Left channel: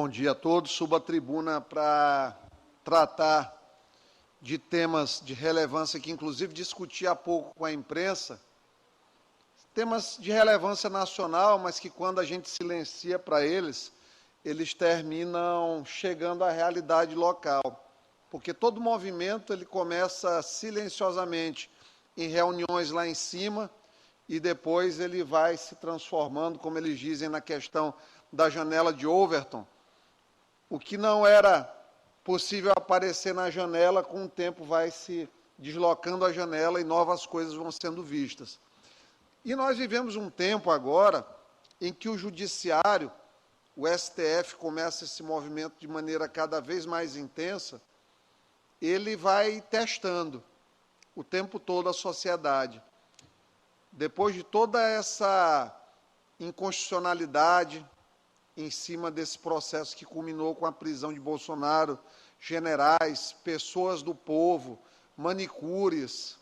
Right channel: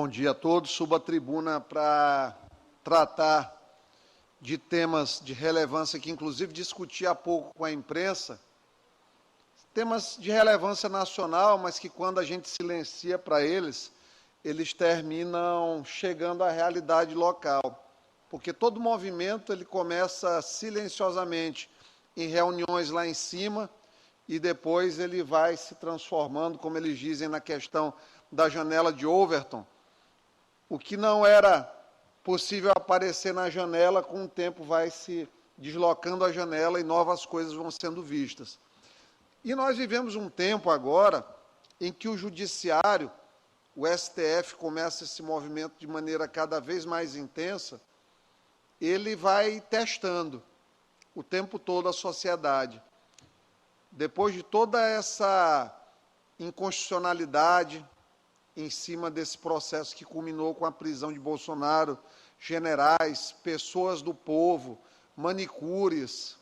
Bom dia a todos. Subo à tribuna para tratar de temas de relevância que, inclusive, discuti há pouco com a imprensa, temas de relevância nacional, mas que, quando a gente silencia para eles, eles terminam chegando à realidade local. Porque todo movimento ele começa silenciosamente em reuniões lá em cima e depois ele vai se transformando, como eles dizem na questão da janela de Overton. O que não era possível aparecer na janela, com o tempo vai se deslocando a janela e novas coisas vão sendo vistas. E nós vivemos um tempo agora em que o judiciário, o STF, começa esse movimento de maneira cada vez mais intensa, ele vai testando o tempo todo a sociedade. Depois de toda essa inconstitucionalidade em cima desse processo que culminou com a prisão de Bolsonaro, generais, pessoas do povo, manicures,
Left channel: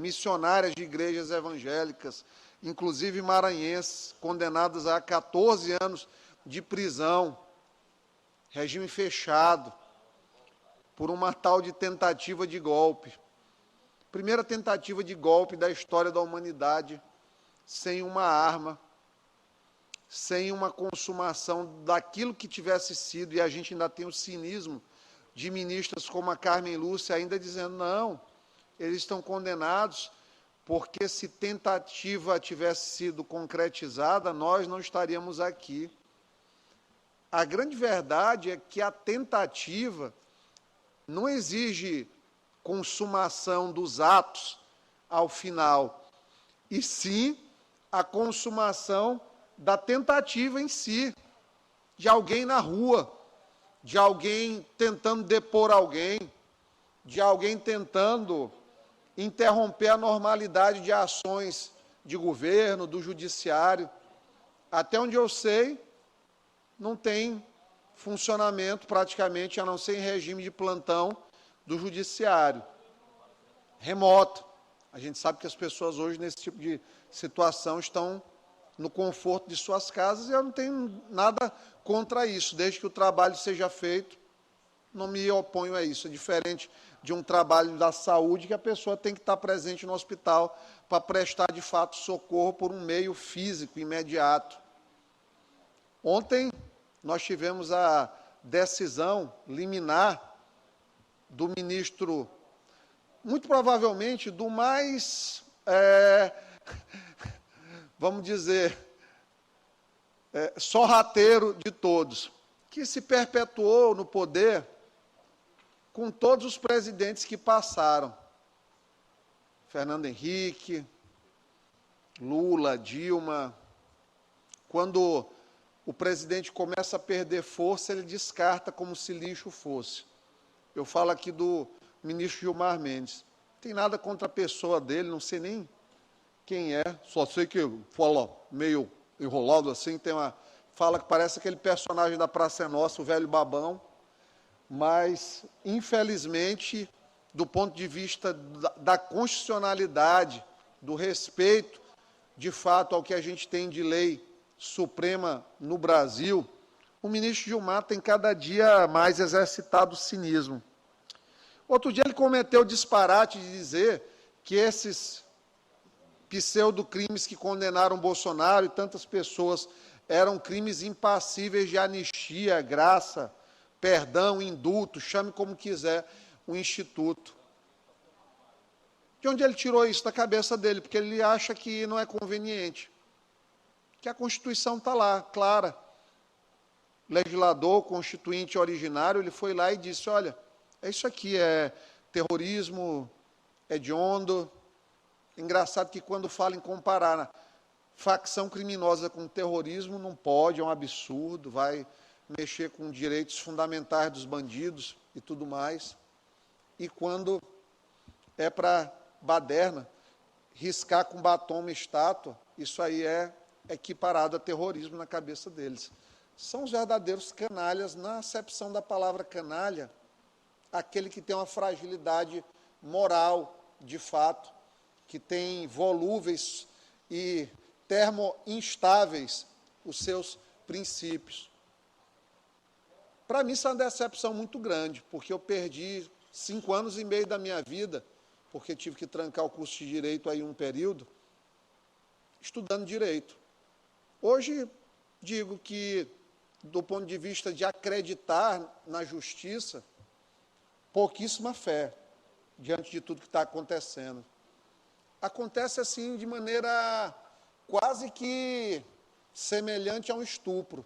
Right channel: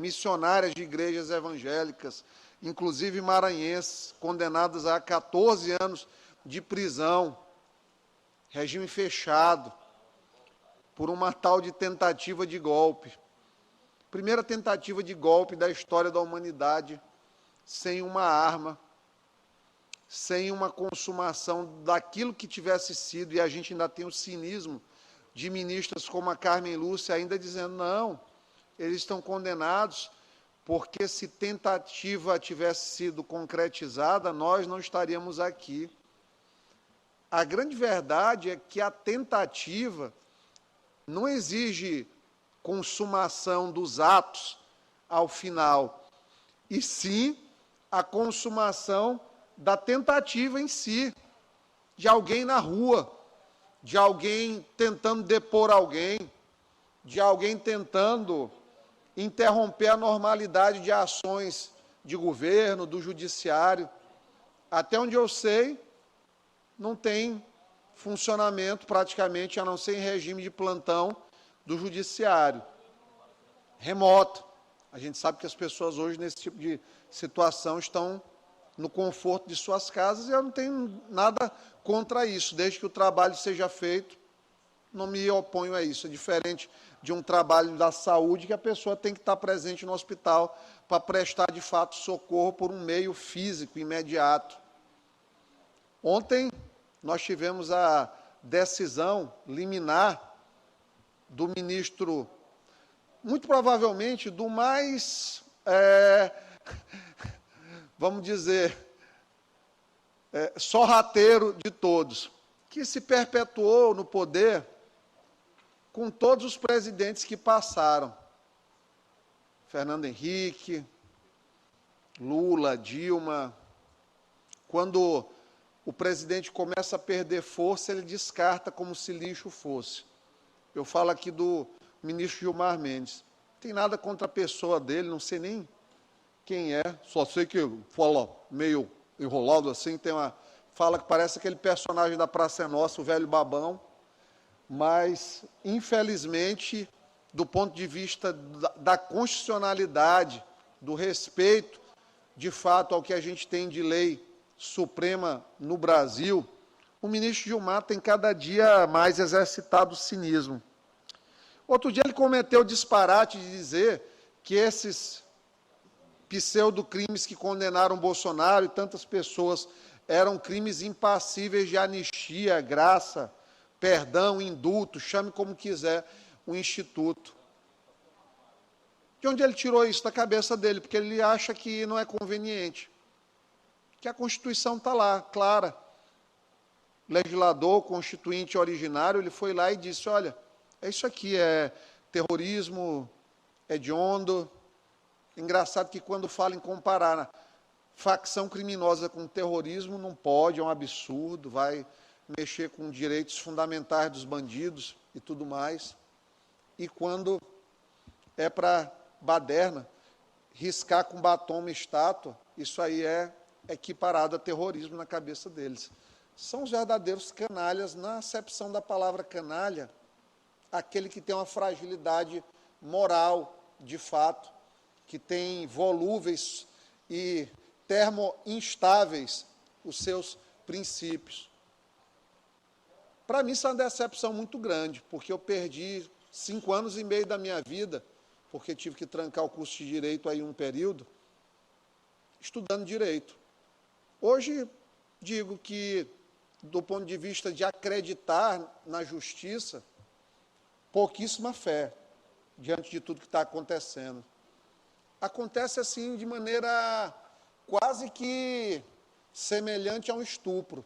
missionárias de igrejas evangélicas, inclusive maranhenses, condenadas a 14 anos de prisão, regime fechado, por uma tal de tentativa de golpe. Primeira tentativa de golpe da história da humanidade, sem uma arma, sem uma consumação daquilo que tivesse sido, e a gente ainda tem o cinismo de ministras como a Carmen Lúcia ainda dizendo, não, eles estão condenados porque se tentativa tivesse sido concretizada, nós não estaríamos aqui. A grande verdade é que a tentativa não exige consumação dos atos ao final, e sim a consumação da tentativa em si, de alguém na rua, de alguém tentando depor alguém, de alguém tentando interromper a normalidade de ações de governo, do judiciário. Até onde eu sei, não tem funcionamento praticamente, a não ser em regime de plantão do judiciário. Remoto. A gente sabe que as pessoas hoje, nesse tipo de situação, estão no conforto de suas casas, e eu não tenho nada contra isso, desde que o trabalho seja feito, não me oponho a isso. É diferente de um trabalho da saúde, que a pessoa tem que estar presente no hospital para prestar, de fato, socorro por um meio físico imediato. Ontem, nós tivemos a decisão liminar do ministro, muito provavelmente, do mais... vamos dizer, sorrateiro de todos, que se perpetuou no poder com todos os presidentes que passaram. Fernando Henrique, Lula, Dilma. Quando o presidente começa a perder força, ele descarta como se lixo fosse. Eu falo aqui do ministro Gilmar Mendes. Não tem nada contra a pessoa dele, não sei nem quem é, só sei que fala meio enrolado assim, tem uma fala que parece aquele personagem da Praça é Nossa, o velho babão, mas, infelizmente, do ponto de vista da constitucionalidade, do respeito, de fato, ao que a gente tem de lei suprema no Brasil, o ministro Gilmar tem cada dia mais exercitado o cinismo. Outro dia ele cometeu o disparate de dizer que esses pseudo-crimes que condenaram Bolsonaro e tantas pessoas eram crimes impassíveis de anistia, graça, perdão, indulto, chame como quiser o Instituto. De onde ele tirou isso da cabeça dele? Porque ele acha que não é conveniente. Que a Constituição está lá, clara. Legislador, constituinte originário, ele foi lá e disse, olha, é isso aqui, é terrorismo hediondo. Engraçado que quando fala em comparar facção criminosa com terrorismo, não pode, é um absurdo, vai mexer com direitos fundamentais dos bandidos e tudo mais. E quando é para baderna, riscar com batom uma estátua, isso aí é equiparado a terrorismo na cabeça deles. São os verdadeiros canalhas, na acepção da palavra canalha, aquele que tem uma fragilidade moral, de fato, que tem volúveis e termoinstáveis os seus princípios. Para mim, isso é uma decepção muito grande, porque eu perdi 5 anos e meio da minha vida, porque tive que trancar o curso de Direito aí um período, estudando Direito. Hoje, digo que, do ponto de vista de acreditar na justiça, pouquíssima fé diante de tudo que está acontecendo. Acontece assim de maneira quase que semelhante a um estupro.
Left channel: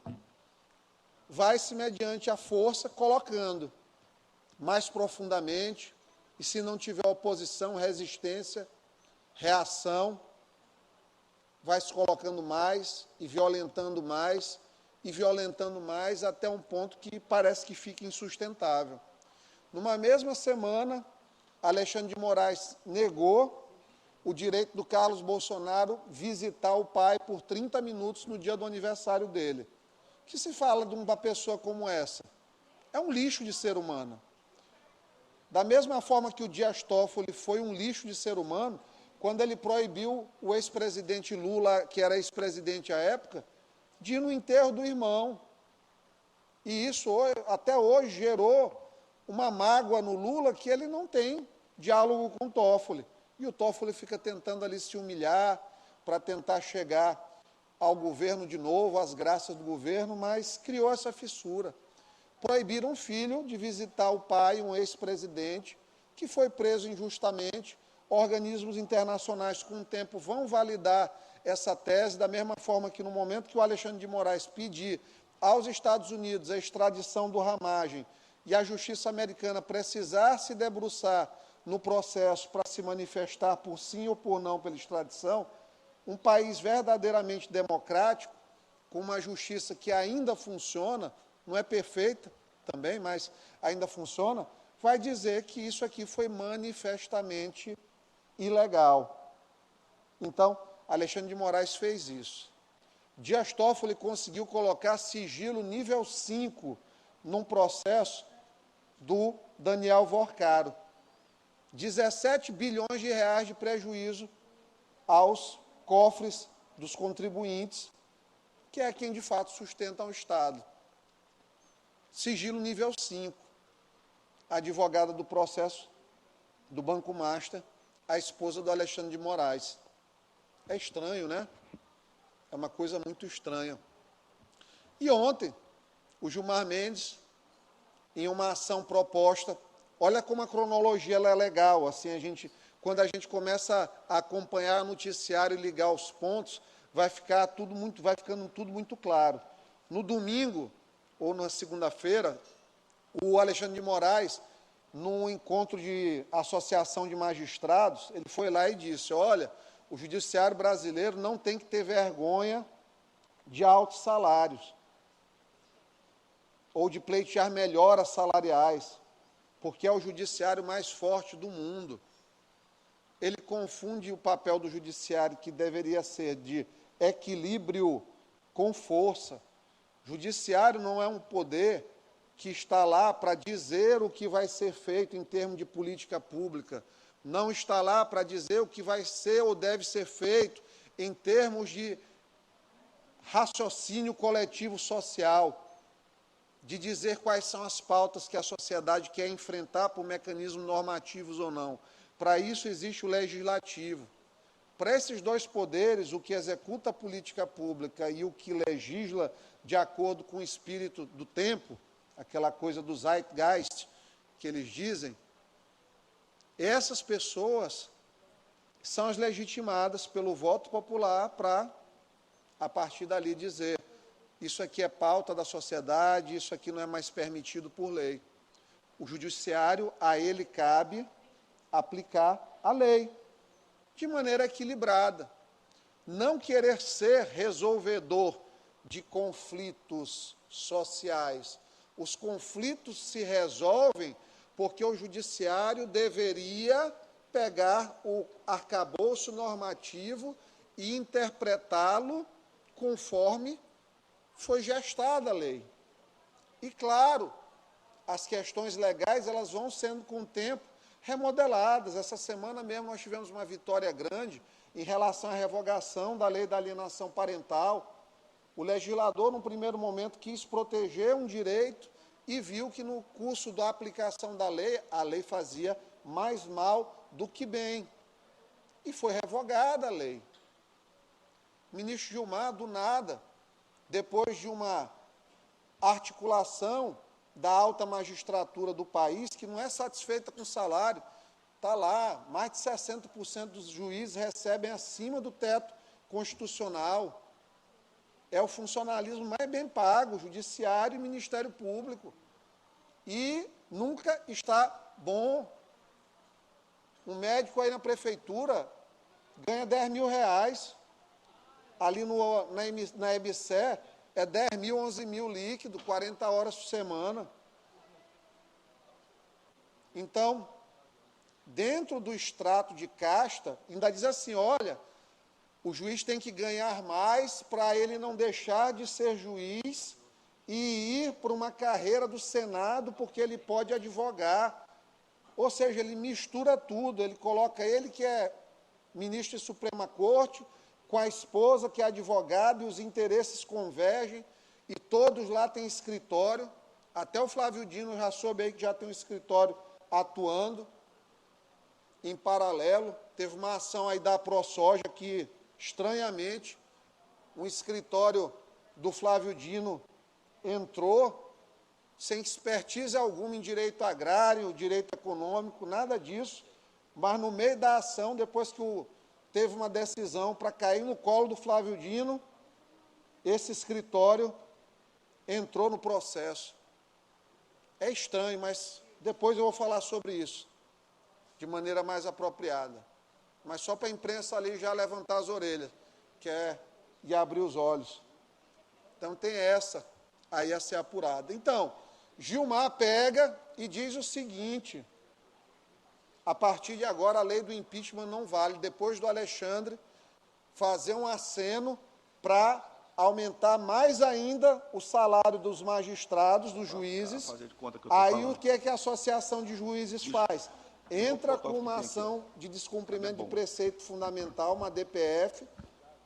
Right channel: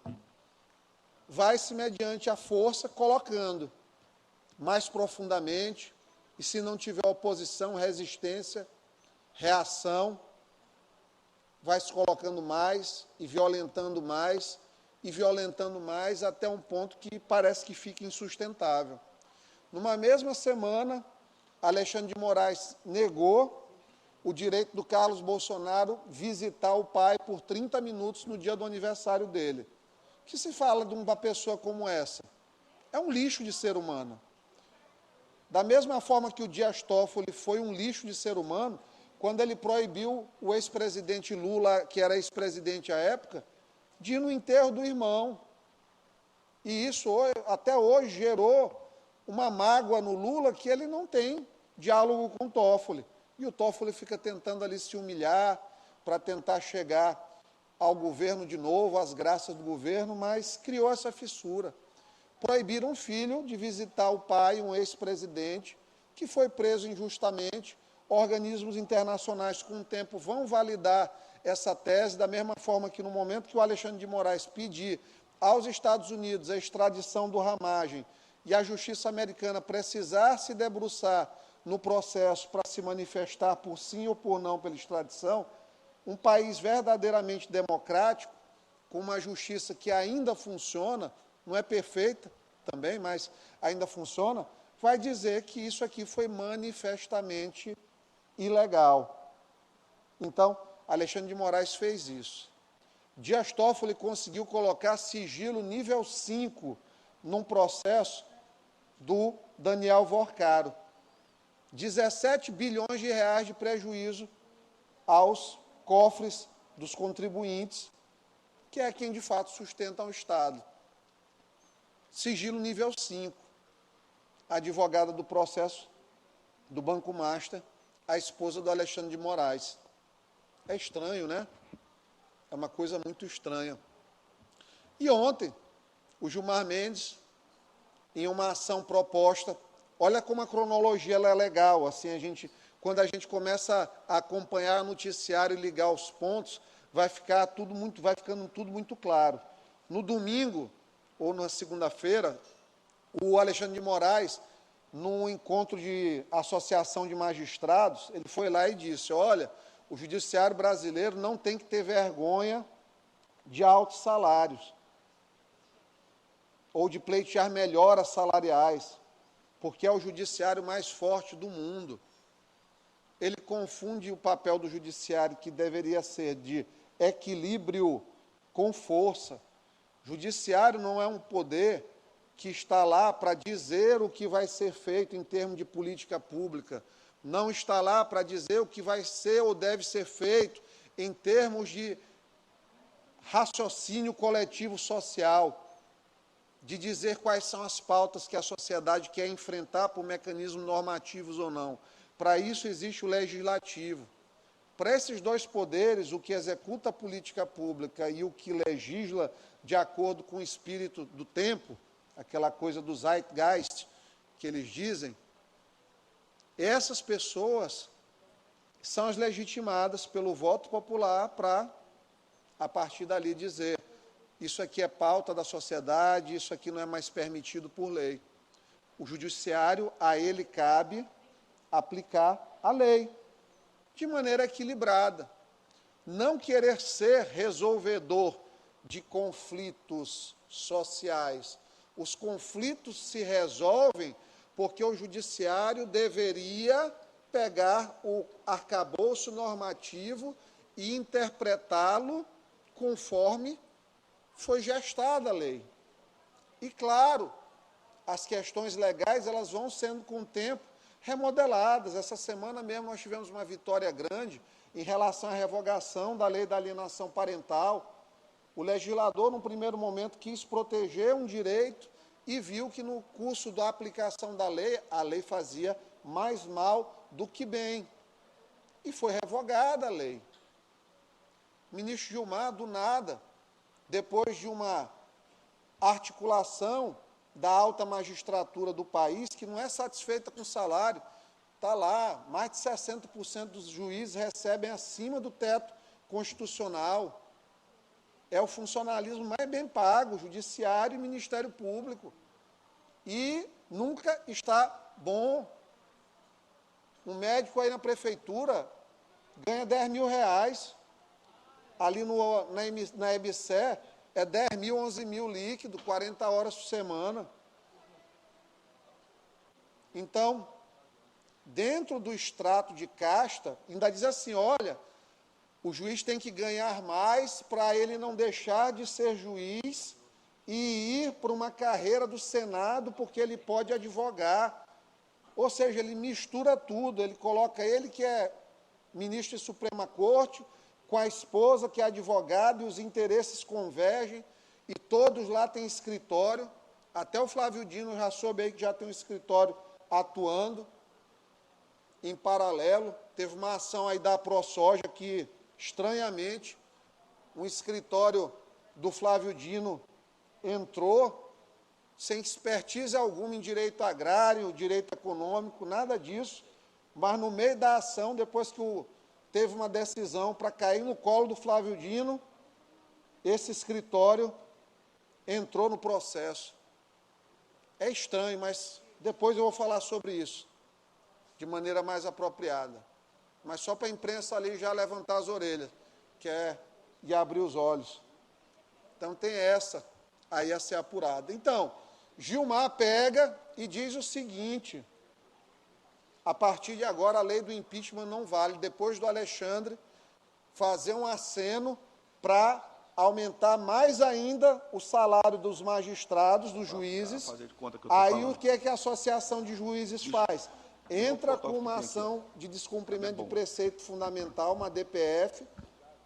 Vai-se mediante a força colocando mais profundamente, e se não tiver oposição, resistência, reação, vai se colocando mais e violentando mais, até um ponto que parece que fica insustentável. Numa mesma semana, Alexandre de Moraes negou o direito do Carlos Bolsonaro visitar o pai por 30 minutos no dia do aniversário dele. O que se fala de uma pessoa como essa? É um lixo de ser humano. Da mesma forma que o Dias Toffoli foi um lixo de ser humano, quando ele proibiu o ex-presidente Lula, que era ex-presidente à época, de ir no enterro do irmão. E isso até hoje gerou uma mágoa no Lula que ele não tem diálogo com o Toffoli. E o Toffoli fica tentando ali se humilhar para tentar chegar ao governo de novo, às graças do governo, mas criou essa fissura. Proibiram um filho de visitar o pai, um ex-presidente, que foi preso injustamente. Organismos internacionais, com o tempo, vão validar essa tese, da mesma forma que no momento que o Alexandre de Moraes pedir aos Estados Unidos a extradição do Ramagem e a justiça americana precisar se debruçar no processo para se manifestar por sim ou por não pela extradição, um país verdadeiramente democrático, com uma justiça que ainda funciona, não é perfeita também, mas ainda funciona, vai dizer que isso aqui foi manifestamente ilegal. Então, Alexandre de Moraes fez isso. Dias Toffoli conseguiu colocar sigilo nível 5 num processo do Daniel Vorcaro. 17 bilhões de reais de prejuízo aos cofres dos contribuintes, que é quem de fato sustenta o Estado. Sigilo nível 5. A advogada do processo do Banco Master, a esposa do Alexandre de Moraes. É estranho, né? É uma coisa muito estranha. E ontem, o Gilmar Mendes, em uma ação proposta, olha como a cronologia ela é legal, assim, quando a gente começa a acompanhar o noticiário e ligar os pontos, vai ficando tudo muito claro. No domingo, ou na segunda-feira, o Alexandre de Moraes, num encontro de associação de magistrados, ele foi lá e disse, olha, o judiciário brasileiro não tem que ter vergonha de altos salários, ou de pleitear melhoras salariais, porque é o judiciário mais forte do mundo. Ele confunde o papel do judiciário, que deveria ser de equilíbrio com força. Judiciário não é um poder que está lá para dizer o que vai ser feito em termos de política pública, não está lá para dizer o que vai ser ou deve ser feito em termos de raciocínio coletivo social, de dizer quais são as pautas que a sociedade quer enfrentar por mecanismos normativos ou não. Para isso existe o legislativo. Para esses dois poderes, o que executa a política pública e o que legisla de acordo com o espírito do tempo, aquela coisa do zeitgeist que eles dizem, essas pessoas são as legitimadas pelo voto popular para, a partir dali, dizer isso aqui é pauta da sociedade, isso aqui não é mais permitido por lei. O judiciário, a ele cabe aplicar a lei de maneira equilibrada. Não querer ser resolvedor de conflitos sociais. Os conflitos se resolvem porque o judiciário deveria pegar o arcabouço normativo e interpretá-lo conforme foi gestada a lei. E, claro, as questões legais elas vão sendo, com o tempo, remodeladas. Essa semana mesmo nós tivemos uma vitória grande em relação à revogação da lei da alienação parental. O legislador, num primeiro momento, quis proteger um direito e viu que no curso da aplicação da lei, a lei fazia mais mal do que bem. E foi revogada a lei. O ministro Gilmar, do nada, depois de uma articulação da alta magistratura do país, que não é satisfeita com o salário, está lá, mais de 60% dos juízes recebem acima do teto constitucional. É o funcionalismo mais bem pago, judiciário e Ministério Público. E nunca está bom. Um médico aí na prefeitura ganha 10 mil reais. Ali na EBSE é 10 mil, 11 mil líquido, 40 horas por semana. Então, dentro do extrato de casta, ainda diz assim, olha, o juiz tem que ganhar mais para ele não deixar de ser juiz e ir para uma carreira do Senado, porque ele pode advogar. Ou seja, ele mistura tudo, ele coloca ele que é ministro de Suprema Corte, com a esposa que é advogada, e os interesses convergem, e todos lá têm escritório, até o Flávio Dino já soube aí que já tem um escritório atuando em paralelo. Teve uma ação aí da ProSoja que, estranhamente, o escritório do Flávio Dino entrou sem expertise alguma em direito agrário, direito econômico, nada disso, mas no meio da ação, depois que teve uma decisão para cair no colo do Flávio Dino, esse escritório entrou no processo. É estranho, mas depois eu vou falar sobre isso, de maneira mais apropriada. Mas só para a imprensa ali já levantar as orelhas, e abrir os olhos. Então tem essa aí a ser apurada. Então, Gilmar pega e diz o seguinte: a partir de agora a lei do impeachment não vale, depois do Alexandre fazer um aceno para aumentar mais ainda o salário dos magistrados, dos juízes. Aí o que é que a Associação de Juízes faz? Entra com uma ação de descumprimento do preceito fundamental, uma DPF,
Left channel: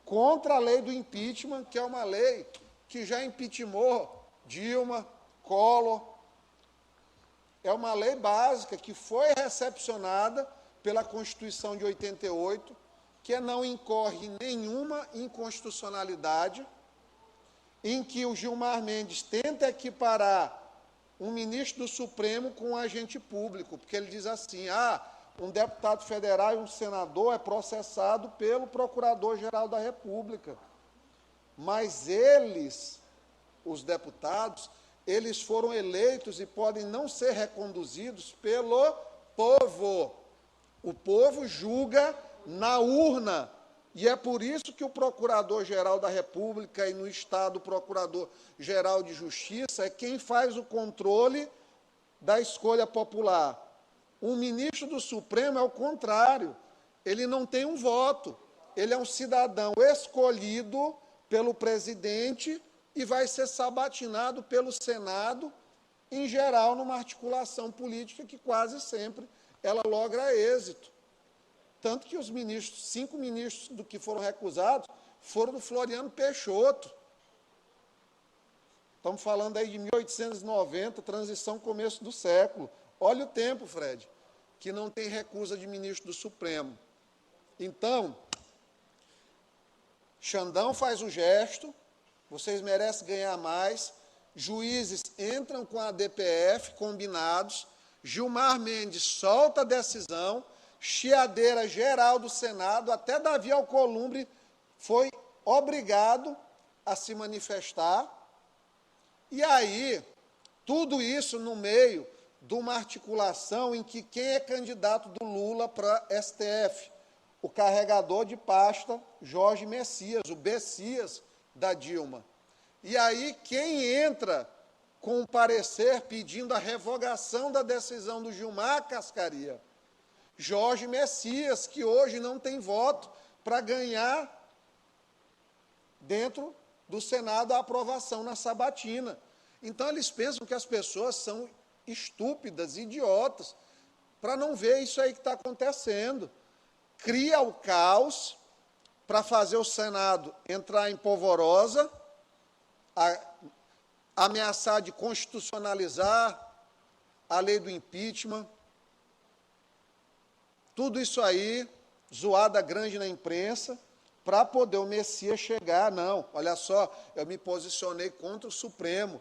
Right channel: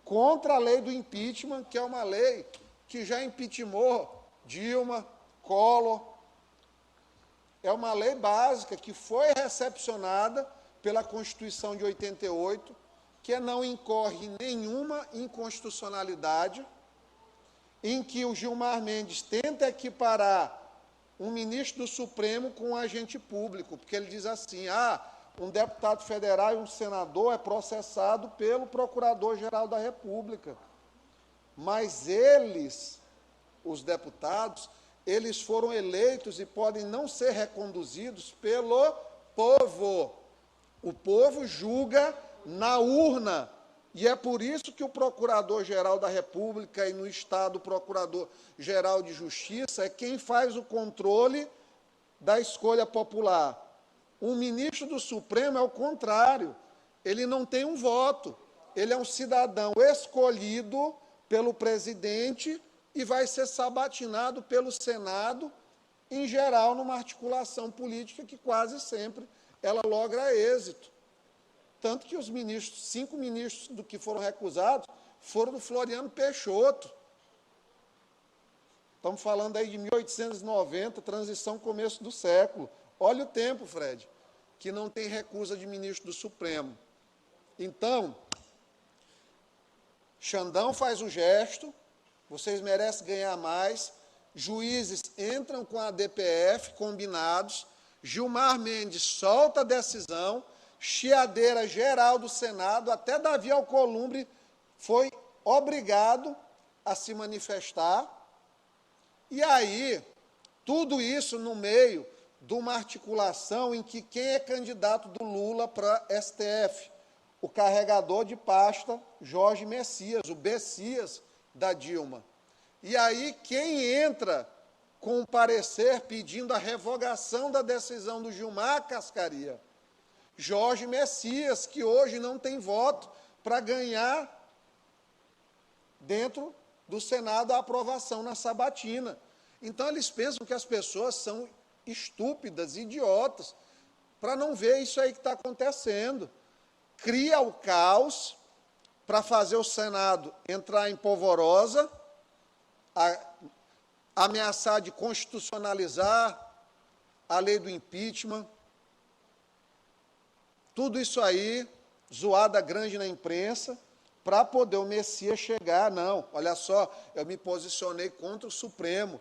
contra a lei do impeachment, que é uma lei que já impeachmentou Dilma, Collor. É uma lei básica que foi recepcionada pela Constituição de 88, que não incorre em nenhuma inconstitucionalidade, em que o Gilmar Mendes tenta equiparar um ministro do Supremo com um agente público, porque ele diz assim, um deputado federal e um senador é processado pelo Procurador-Geral da República. Mas eles, os deputados, eles foram eleitos e podem não ser reconduzidos pelo povo. O povo julga na urna. E é por isso que o Procurador-Geral da República e no Estado o Procurador-Geral de Justiça é quem faz o controle da escolha popular. O ministro do Supremo é o contrário. Ele não tem um voto. Ele é um cidadão escolhido pelo presidente e vai ser sabatinado pelo Senado, em geral, numa articulação política que quase sempre ela logra êxito. Tanto que os ministros, 5 ministros do que foram recusados, foram do Floriano Peixoto. Estamos falando aí de 1890, transição começo do século. Olha o tempo, Fred, que não tem recusa de ministro do Supremo. Então, Xandão faz o gesto, vocês merecem ganhar mais, juízes entram com a DPF, combinados, Gilmar Mendes solta a decisão, chiadeira geral do Senado, até Davi Alcolumbre foi obrigado a se manifestar. E aí, tudo isso no meio de uma articulação em que quem é candidato do Lula para STF? O carregador de pasta Jorge Messias, o Bessias da Dilma. E aí, quem entra com um parecer pedindo a revogação da decisão do Gilmar Cascaria? Jorge Messias, que hoje não tem voto para ganhar dentro do Senado a aprovação na sabatina. Então, eles pensam que as pessoas são estúpidas, idiotas, para não ver isso aí que está acontecendo. Cria o caos para fazer o Senado entrar em polvorosa, ameaçar de constitucionalizar a lei do impeachment. Tudo isso aí, zoada grande na imprensa, para poder o Messias chegar. Não, olha só, eu me posicionei contra o Supremo.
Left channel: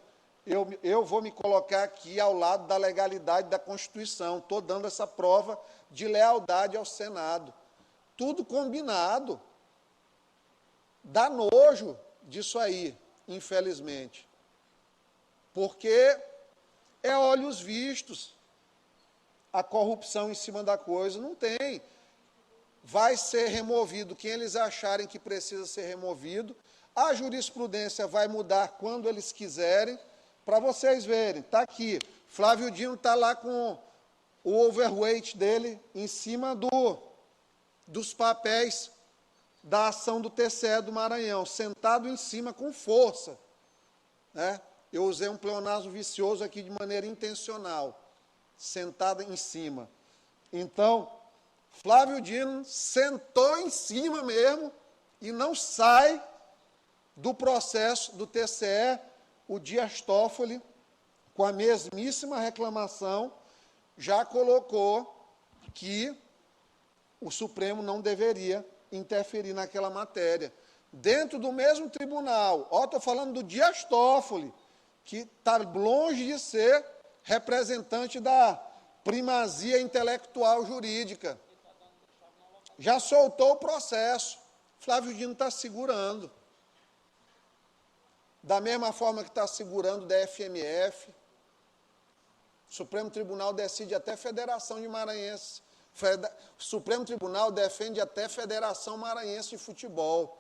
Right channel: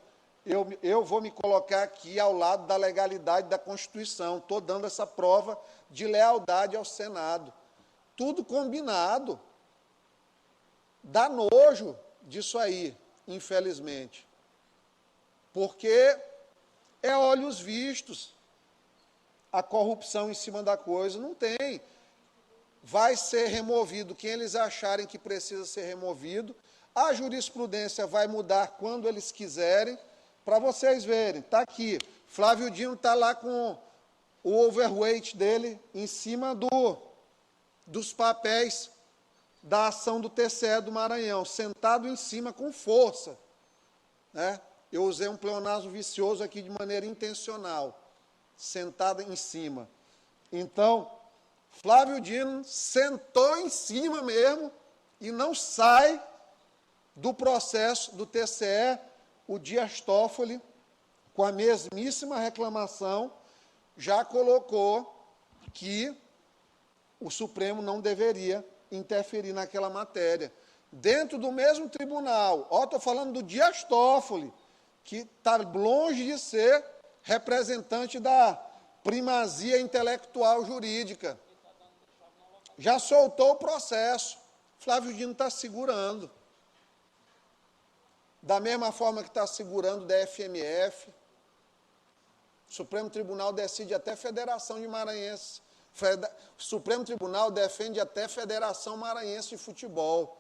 Eu vou me colocar aqui ao lado da legalidade da Constituição. Estou dando essa prova de lealdade ao Senado. Tudo combinado. Dá nojo disso aí, infelizmente. Porque é olhos vistos. A corrupção em cima da coisa não tem. Vai ser removido quem eles acharem que precisa ser removido. A jurisprudência vai mudar quando eles quiserem. Para vocês verem, está aqui. Flávio Dino está lá com o overweight dele em cima dos papéis da ação do TCE do Maranhão, sentado em cima com força. Né? Eu usei um pleonasmo vicioso aqui de maneira intencional, sentado em cima. Então, Flávio Dino sentou em cima mesmo e não sai do processo do TCE. O Dias Toffoli, com a mesmíssima reclamação, já colocou que o Supremo não deveria interferir naquela matéria. Dentro do mesmo tribunal, estou falando do Dias Toffoli, que está longe de ser representante da primazia intelectual jurídica. Já soltou o processo. Flávio Dino está segurando. Da mesma forma que está segurando o DFMF, o Supremo Tribunal decide até Federação de Maranhenses. O Supremo Tribunal defende até Federação Maranhense de Futebol,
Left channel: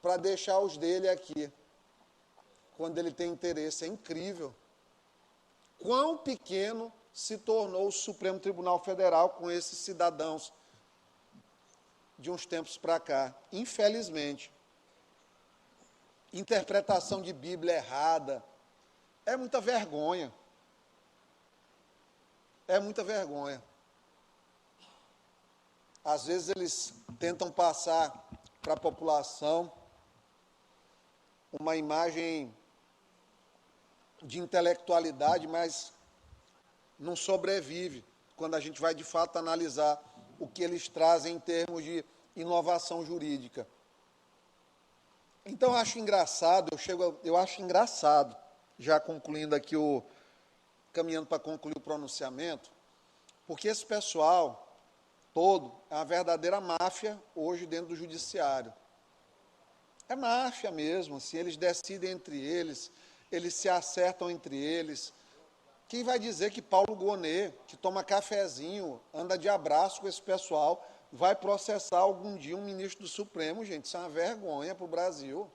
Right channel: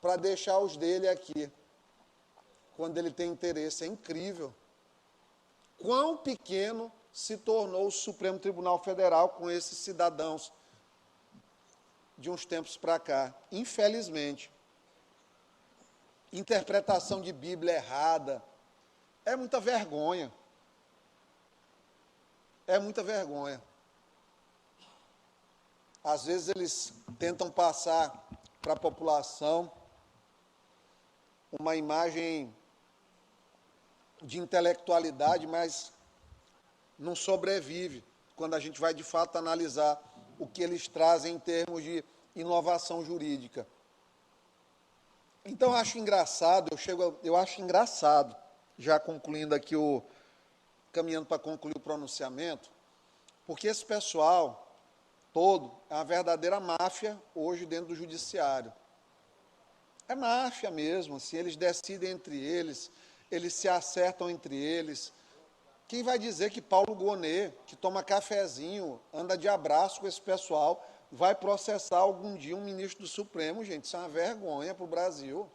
para deixar os dele aqui, quando ele tem interesse. É incrível. Quão pequeno se tornou o Supremo Tribunal Federal com esses cidadãos de uns tempos para cá, infelizmente. Interpretação de Bíblia errada. É muita vergonha. É muita vergonha. Às vezes eles tentam passar para a população uma imagem de intelectualidade, mas não sobrevive quando a gente vai de fato analisar o que eles trazem em termos de inovação jurídica. Então, eu acho engraçado, já concluindo aqui, caminhando para concluir o pronunciamento, porque esse pessoal todo é uma verdadeira máfia hoje dentro do judiciário. É máfia mesmo, assim, eles decidem entre eles se acertam entre eles. Quem vai dizer que Paulo Gonet, que toma cafezinho, anda de abraço com esse pessoal, vai processar algum dia um ministro do Supremo? Gente, isso é uma vergonha para o Brasil.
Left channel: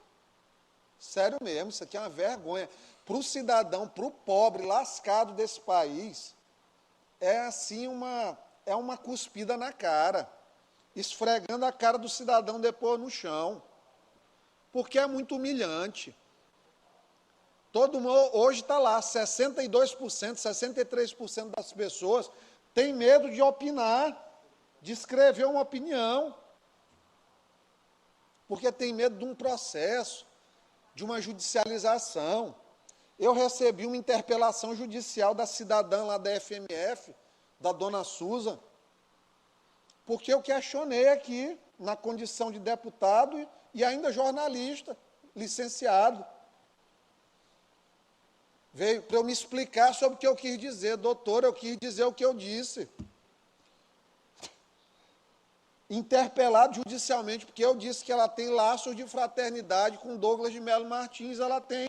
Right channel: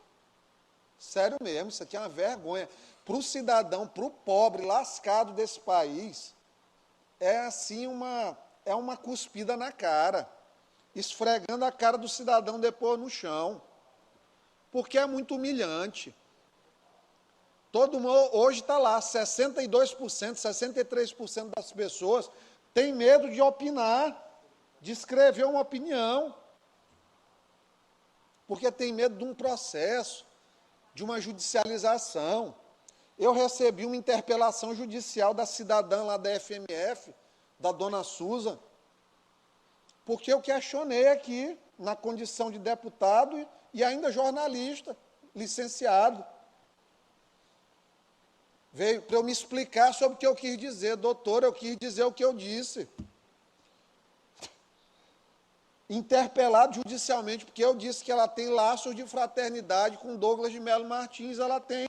Sério mesmo, isso aqui é uma vergonha. Para o cidadão, para o pobre lascado desse país, é assim uma cuspida na cara, esfregando a cara do cidadão depois no chão, porque é muito humilhante. Todo mundo hoje está lá, 62%, 63% das pessoas tem medo de opinar, de escrever uma opinião, porque tem medo de um processo, de uma judicialização. Eu recebi uma interpelação judicial da cidadã lá da FMF, da dona Suza, porque eu questionei aqui, na condição de deputado e ainda jornalista, licenciado. Veio para eu me explicar sobre o que eu quis dizer. Doutor, eu quis dizer o que eu disse. Interpelado judicialmente, porque eu disse que ela tem laços de fraternidade com Douglas de Melo Martins, ela tem.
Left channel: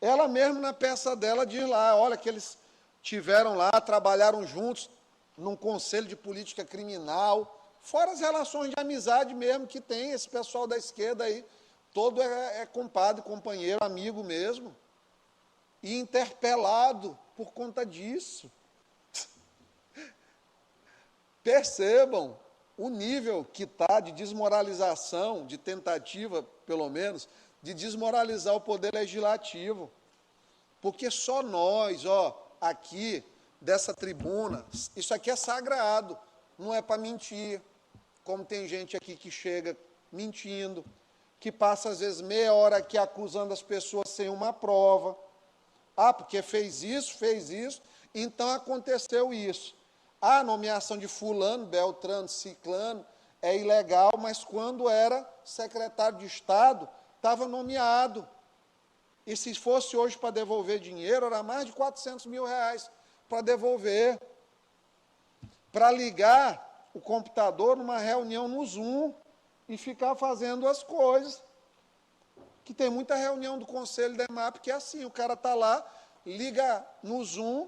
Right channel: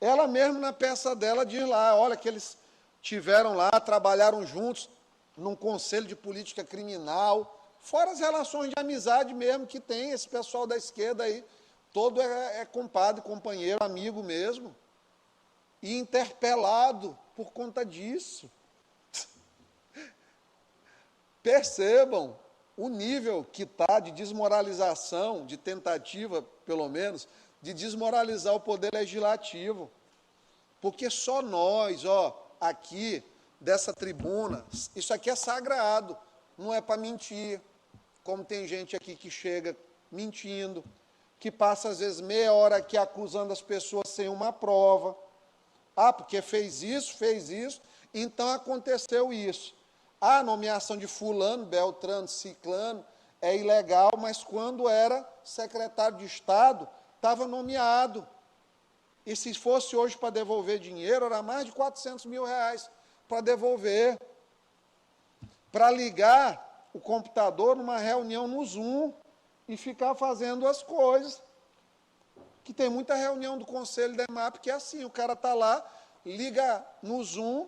Ela mesmo, na peça dela, diz lá, olha, que eles tiveram lá, trabalharam juntos num conselho de política criminal, fora as relações de amizade mesmo que tem esse pessoal da esquerda aí, todo é compadre, companheiro, amigo mesmo, e interpelado por conta disso. Percebam o nível que está de desmoralização, de tentativa, pelo menos, de desmoralizar o poder legislativo. Porque só nós, aqui, dessa tribuna, isso aqui é sagrado, não é para mentir, como tem gente aqui que chega mentindo, que passa às vezes meia hora aqui acusando as pessoas sem uma prova. Ah, porque fez isso, então aconteceu isso. Ah, a nomeação de fulano, beltrano, ciclano é ilegal, mas quando era secretário de Estado, estava nomeado. E se fosse hoje para devolver dinheiro, era mais de 400 mil reais para devolver. Para ligar o computador numa reunião no Zoom e ficar fazendo as coisas. Que tem muita reunião do Conselho da EMAP que é assim, o cara está lá, liga no Zoom,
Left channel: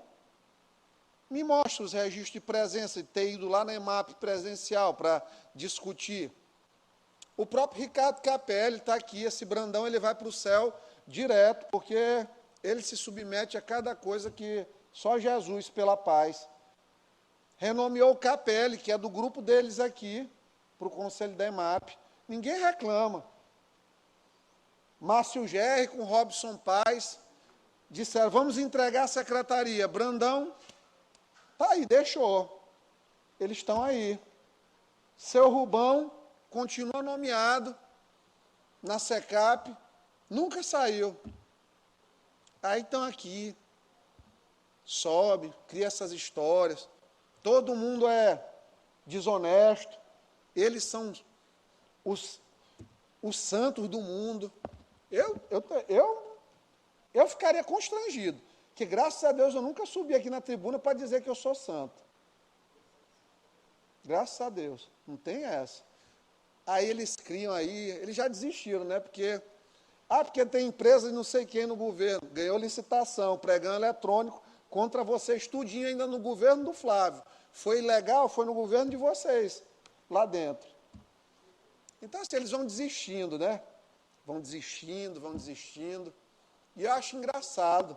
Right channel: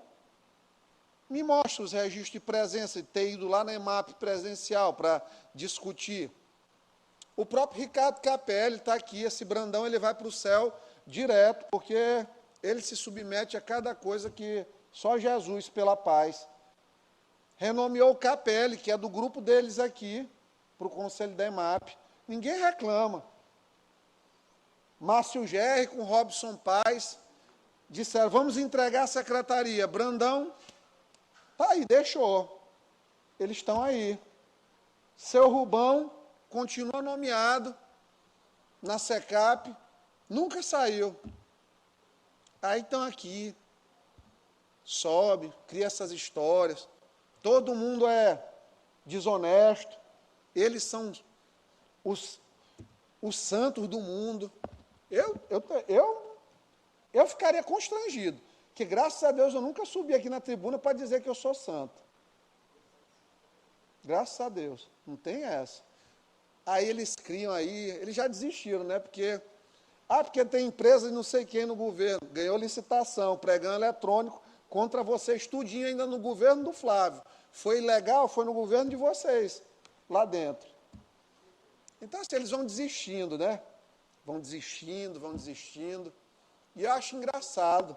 me mostra os registros de presença, de ter ido lá na EMAP presencial para discutir. O próprio Ricardo Capelli está aqui, esse Brandão, ele vai para o céu direto, porque ele se submete a cada coisa que só Jesus, pela paz. Renomeou o Capelli, que é do grupo deles aqui, para o Conselho da EMAP. Ninguém reclama. Márcio Gerri com Robson Paes disseram, vamos entregar a secretaria. Brandão, tá aí, deixou. Eles estão aí. Seu Rubão continua nomeado na SECAP, nunca saiu. Aí estão aqui, sobe, cria essas histórias. Todo mundo é desonesto. Eles são os santos do mundo. Eu ficaria constrangido, que graças a Deus eu nunca subi aqui na tribuna para dizer que eu sou santo. Graças a Deus, não tem essa. Aí eles criam aí, eles já desistiram, né? Porque tem empresa de não sei quem no governo, ganhou licitação, pregão eletrônico contra vocês, tudinho ainda no governo do Flávio. Foi ilegal, foi no governo de vocês, lá dentro. Então, assim, eles vão desistindo, né? Vão desistindo. E eu acho engraçado.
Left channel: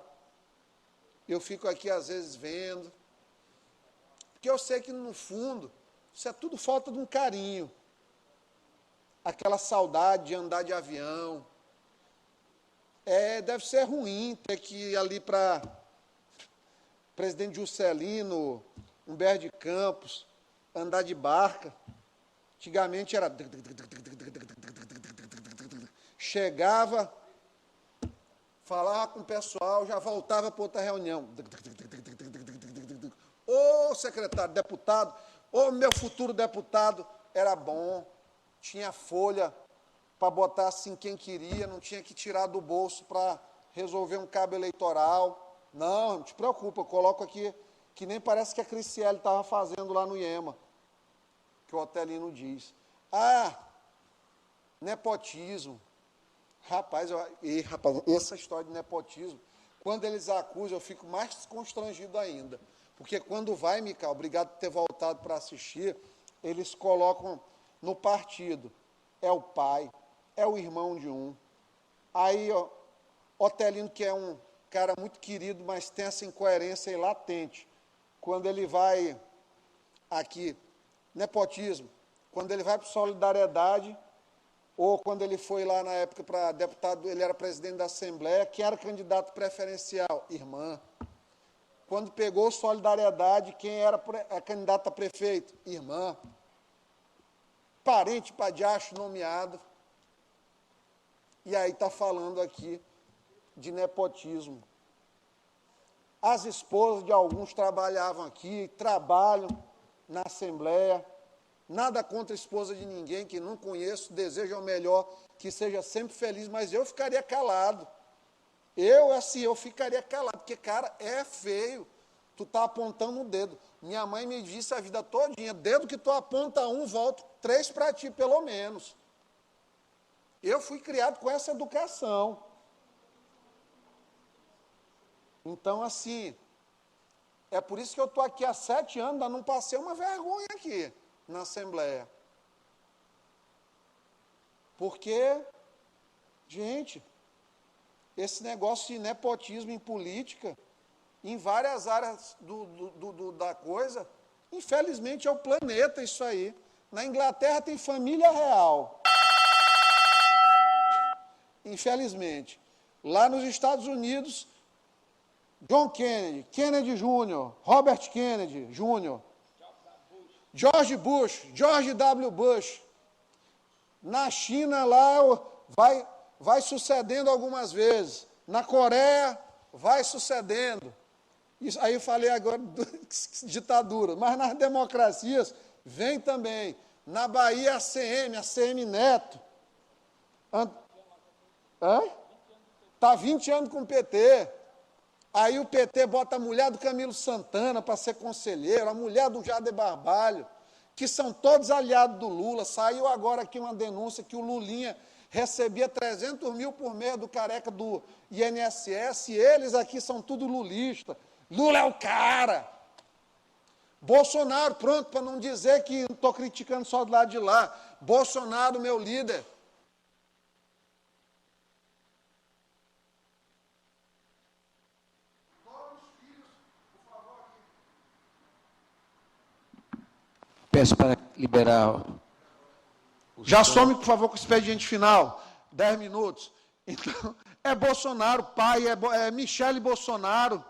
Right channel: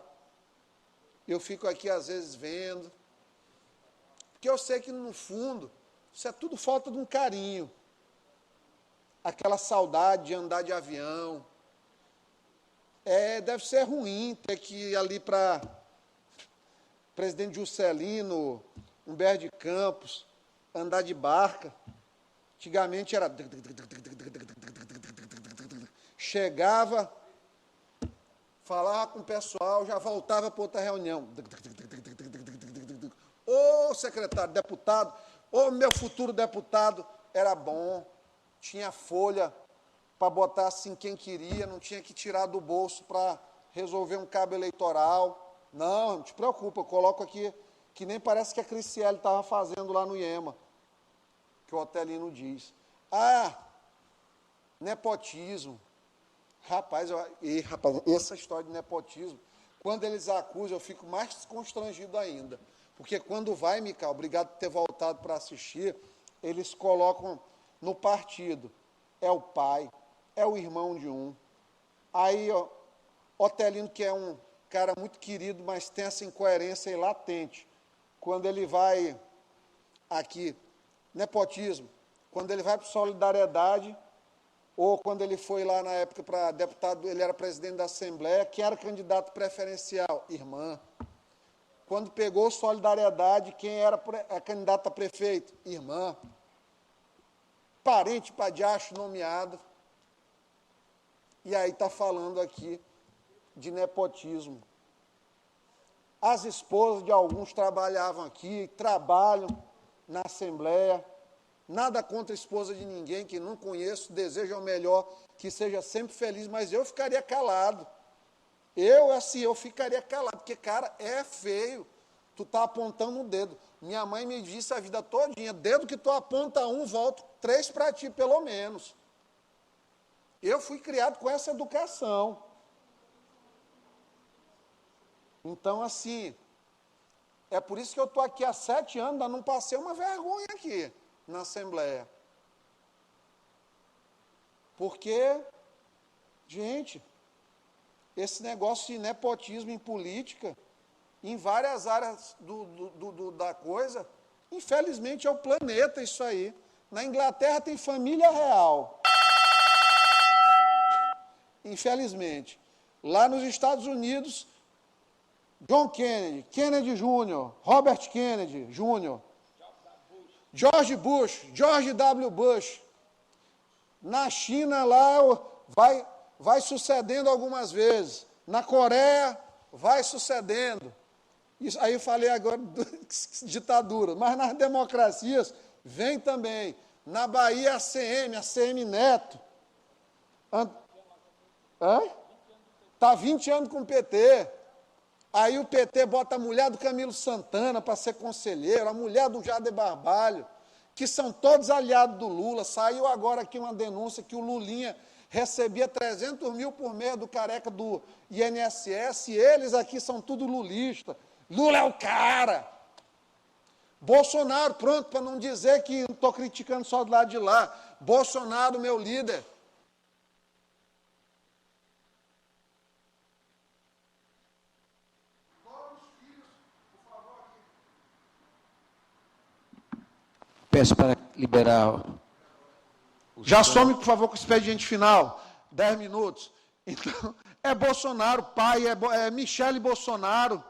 Eu fico aqui, às vezes, vendo. Porque eu sei que, no fundo, isso é tudo falta de um carinho. Aquela saudade de andar de avião. Deve ser ruim ter que ir ali para Presidente Juscelino, Humberto de Campos, andar de barca. Antigamente era... Chegava, falava com o pessoal, já voltava para outra reunião. Ô, secretário, deputado, ô, meu futuro deputado, era bom, tinha folha para botar assim quem queria, não tinha que tirar do bolso para resolver um cabo eleitoral. Não, não te preocupa, eu coloco aqui, que nem parece que a Criciele estava fazendo lá no IEMA, que o Otelino diz. Ah, nepotismo. Rapaz, essa história de nepotismo, quando eles acusam, eu fico mais constrangido ainda. Porque quando vai, Micael, obrigado por ter voltado para assistir, eles colocam no partido. É o pai, é o irmão de um. Aí, ó, Otelino, que é um cara muito querido, mas tem essa incoerência aí latente. Quando ele vai aqui, nepotismo, quando ele vai para Solidariedade, ou quando ele foi lá na época para deputado, ele era presidente da Assembleia, que era candidato preferencial, irmã. Quando pegou Solidariedade, quem era candidato a prefeito? Irmã. Parente para diacho nomeado. E aí está falando aqui de nepotismo. As esposas de alguns trabalhavam aqui, trabalham na Assembleia. Nada contra a esposa de ninguém, que não conheço, desejo o melhor, que seja sempre feliz, mas eu ficaria calado. Eu ficaria calado, porque, cara, é feio. Tu tá apontando o dedo. Minha mãe me disse a vida todinha, dedo que tu aponta um, volto 3 para ti, pelo menos. Eu fui criado com essa educação. Então, assim, é por isso que eu estou aqui há 7 anos, ainda não passei uma vergonha aqui na Assembleia. Porque, gente, esse negócio de nepotismo em política, em várias áreas da coisa, infelizmente é o planeta isso aí. Na Inglaterra tem família real. Infelizmente. Lá nos Estados Unidos, John Kennedy, Kennedy Jr., Robert Kennedy Jr., George Bush, George W. Bush. Na China, lá, vai sucedendo algumas vezes. Na Coreia, vai sucedendo. Isso, aí falei agora ditadura, mas nas democracias vem também. Na Bahia, a CM Neto. Está 20 anos com o PT. Aí o PT bota a mulher do Camilo Santana para ser conselheiro, a mulher do Jader Barbalho, que são todos aliados do Lula. Saiu agora aqui uma denúncia que o Lulinha recebia 300 mil por mês do careca do INSS, e eles aqui são tudo lulista. Lula é o cara. Bolsonaro, pronto, para não dizer que não estou criticando só do lado de lá. Bolsonaro, meu líder. Peço para liberar. Já some, por favor, com o expediente final. 10 minutos. Então, é Bolsonaro, pai, é Michele Bolsonaro.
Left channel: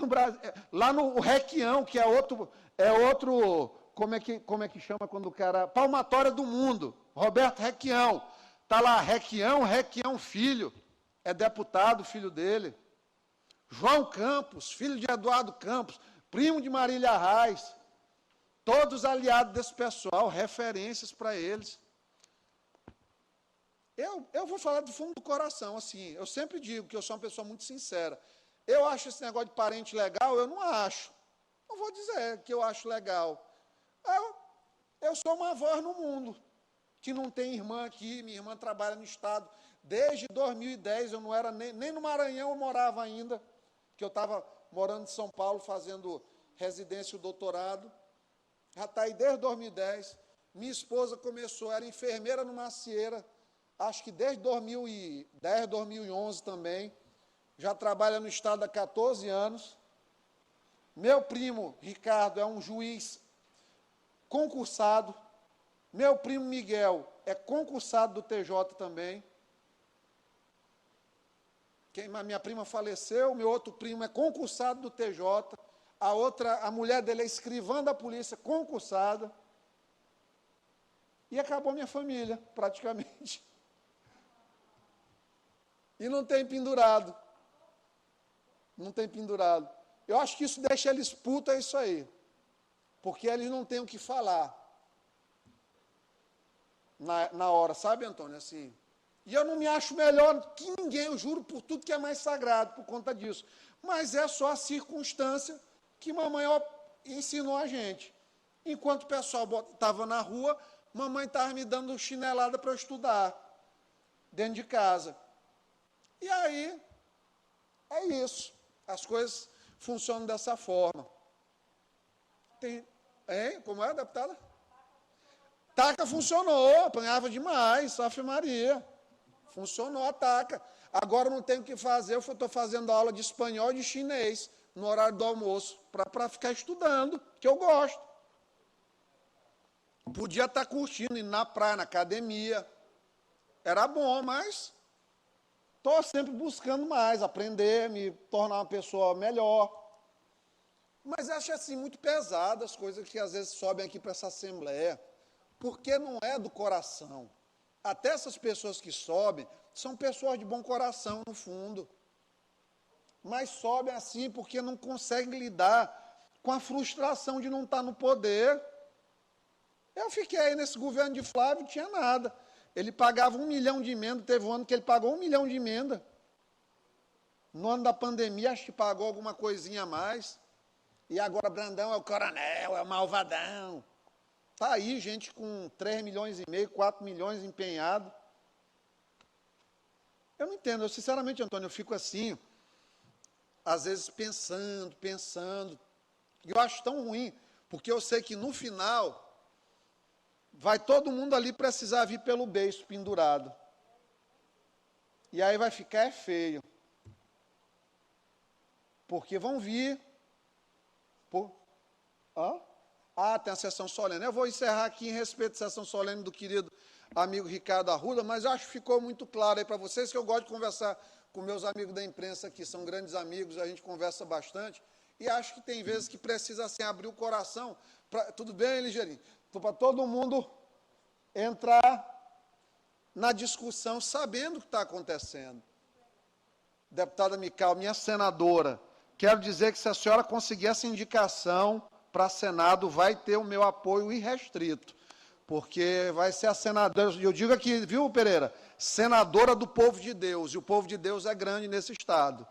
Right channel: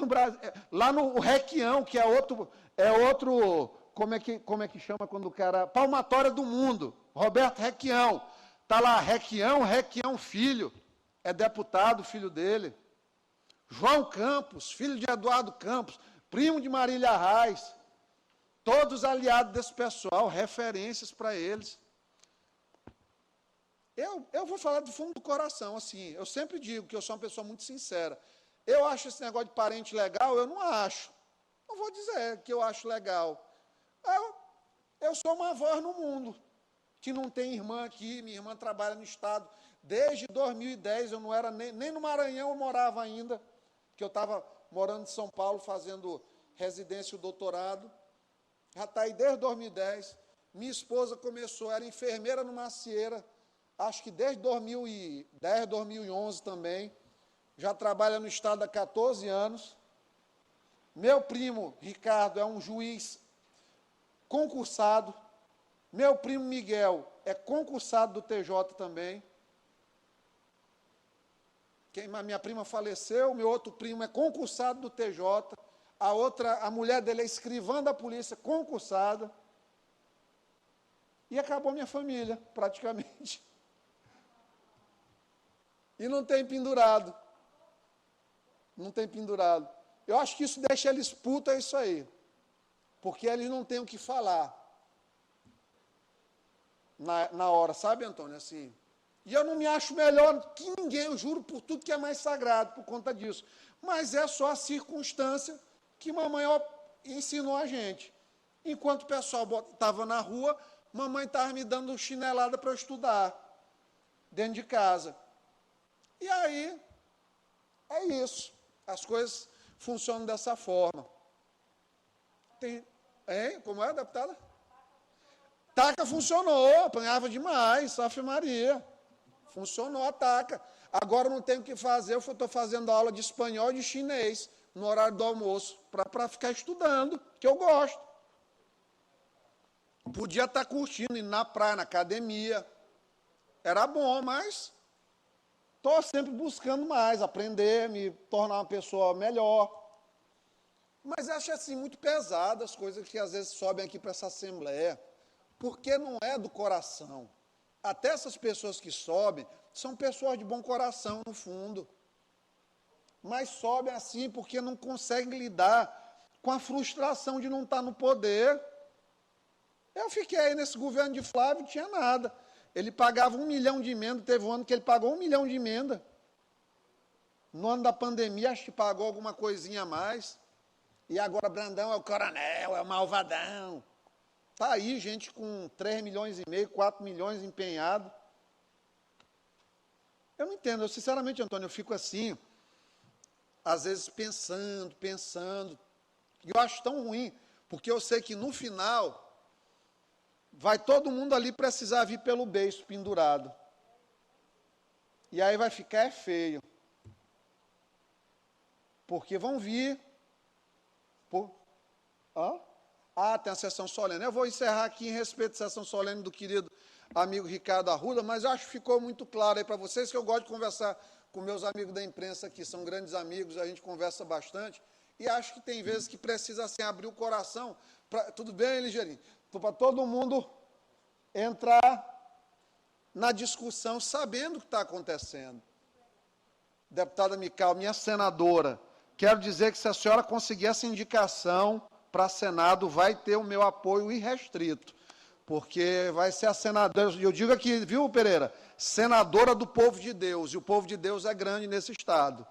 No Brasil, lá no Requião, que é outro, como é que chama quando o cara, palmatória do mundo, Roberto Requião, está lá, Requião filho, é deputado, filho dele, João Campos, filho de Eduardo Campos, primo de Marília Reis, todos aliados desse pessoal, referências para eles. Eu vou falar do fundo do coração, assim, eu sempre digo que eu sou uma pessoa muito sincera. Eu acho esse negócio de parente legal, eu não acho. Não vou dizer que eu acho legal. Eu sou uma voz no mundo, que não tem irmã aqui, minha irmã trabalha no Estado. Desde 2010, eu não era nem no Maranhão eu morava ainda, que eu estava morando em São Paulo, fazendo residência e doutorado. Já está aí desde 2010. Minha esposa começou, era enfermeira no Macieira, acho que desde 2010, 2011 também. Já trabalha no Estado há 14 anos. Meu primo, Ricardo, é um juiz concursado. Meu primo, Miguel, é concursado do TJ também. A minha prima faleceu, meu outro primo é concursado do TJ. A mulher dele é escrivã da polícia, concursada. E acabou minha família, praticamente. E não tem pendurado. Não tem pendurado. Eu acho que isso deixa eles putos, é isso aí. Porque eles não têm o que falar. Na hora, sabe, Antônio? Assim. E eu não me acho melhor que ninguém, eu juro por tudo que é mais sagrado, por conta disso. Mas é só a circunstância que mamãe ensinou a gente. Enquanto o pessoal estava na rua, mamãe estava me dando chinelada para eu estudar, dentro de casa. E aí, é isso. As coisas funcionam dessa forma. Como é, deputada? Taca funcionou, apanhava demais, Ave Maria. Funcionou a taca. Agora não tenho o que fazer, eu estou fazendo aula de espanhol e de chinês no horário do almoço, para ficar estudando, que eu gosto. Podia estar curtindo, indo na praia, na academia. Era bom, mas estou sempre buscando mais, aprender, me tornar uma pessoa melhor. Mas acho assim muito pesado as coisas que às vezes sobem aqui para essa Assembleia, porque não é do coração. Até essas pessoas que sobem são pessoas de bom coração, no fundo. Mas sobem assim porque não conseguem lidar com a frustração de não estar no poder. Eu fiquei nesse governo de Flávio, não tinha nada. Ele pagava 1 milhão de emenda, teve um ano que ele pagou 1 milhão de emenda. No ano da pandemia, acho que pagou alguma coisinha a mais. E agora Brandão é o coronel, é o malvadão. Está aí gente com 3 milhões e meio, 4 milhões empenhado. Eu não entendo, sinceramente, Antônio, eu fico assim, às vezes pensando. E eu acho tão ruim, porque eu sei que no final vai todo mundo ali precisar vir pelo beiço pendurado. E aí vai ficar feio. Porque vão vir. Tem a sessão solene. Eu vou encerrar aqui em respeito à sessão solene do querido amigo Ricardo Arruda, mas acho que ficou muito claro aí para vocês que eu gosto de conversar com meus amigos da imprensa aqui, são grandes amigos, a gente conversa bastante, e acho que tem vezes que precisa assim, abrir o coração. Tudo bem, Ligeirinho? Para todo mundo entrar na discussão sabendo o que está acontecendo. deputada Mical, minha senadora, quero dizer que se a senhora conseguir essa indicação para Senado, vai ter o meu apoio irrestrito, porque vai ser a senadora, eu digo aqui, viu, Pereira, senadora do povo de Deus, e o povo de Deus é grande nesse estado,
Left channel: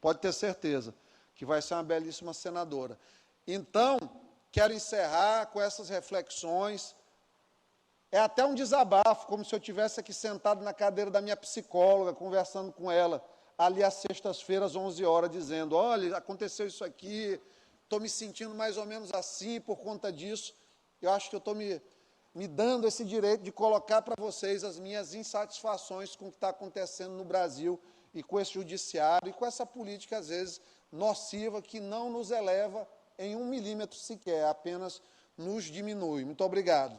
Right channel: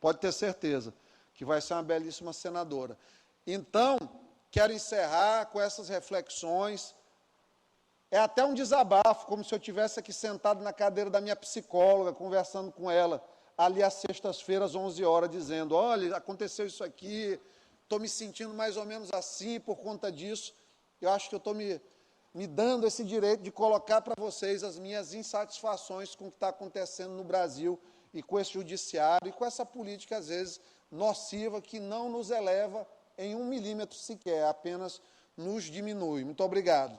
pode ter certeza, que vai ser uma belíssima senadora. Então, quero encerrar com essas reflexões. É até um desabafo, como se eu estivesse aqui sentado na cadeira da minha psicóloga, conversando com ela, ali às sextas-feiras, 11 horas, dizendo, olha, aconteceu isso aqui, estou me sentindo mais ou menos assim por conta disso. Eu acho que eu estou me dando esse direito de colocar para vocês as minhas insatisfações com o que está acontecendo no Brasil e com esse judiciário e com essa política, às vezes, nociva, que não nos eleva em 1 milímetro sequer, apenas nos diminui. Muito obrigado.